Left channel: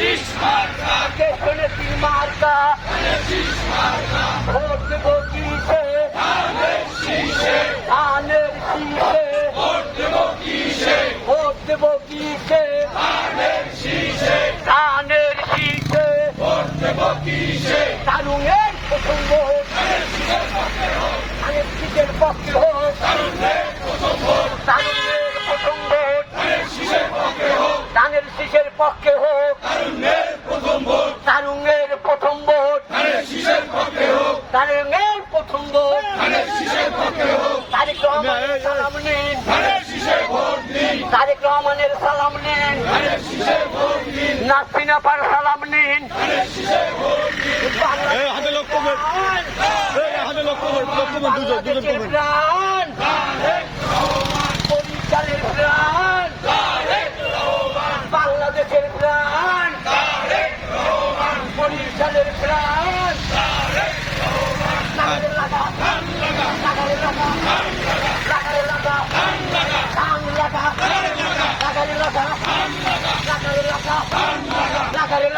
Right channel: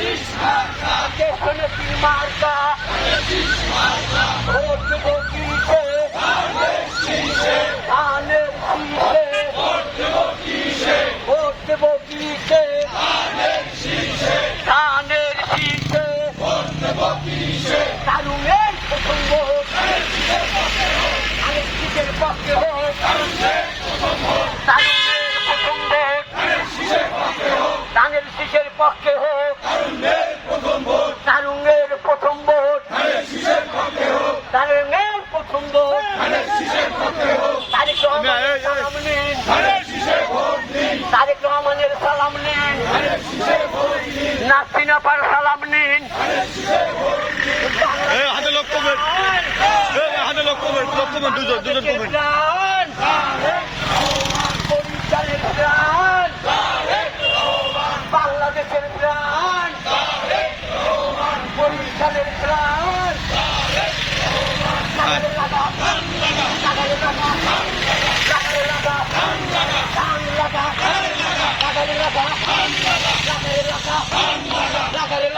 কেষ্টনেত্রী মার্কা ভোট দেবো কিসে ধানের শীষে ভোট দেবো কিসে ধানের শীষে কানুনের প্রথম ভোট ধানের শীষের পক্ষে হোক কানুনের প্রথম ভোট ধানের শীষের পক্ষে হোক কারুনের প্রথম ভোট তারুণের প্রথম ভোট তারেক রহমানের সালাম নিন নাসিনা পার সালাম নিন প্রাণ পরিচালের প্রাণ বাংলাদেশের প্রাণ পরিচালের প্রাণ লাগারে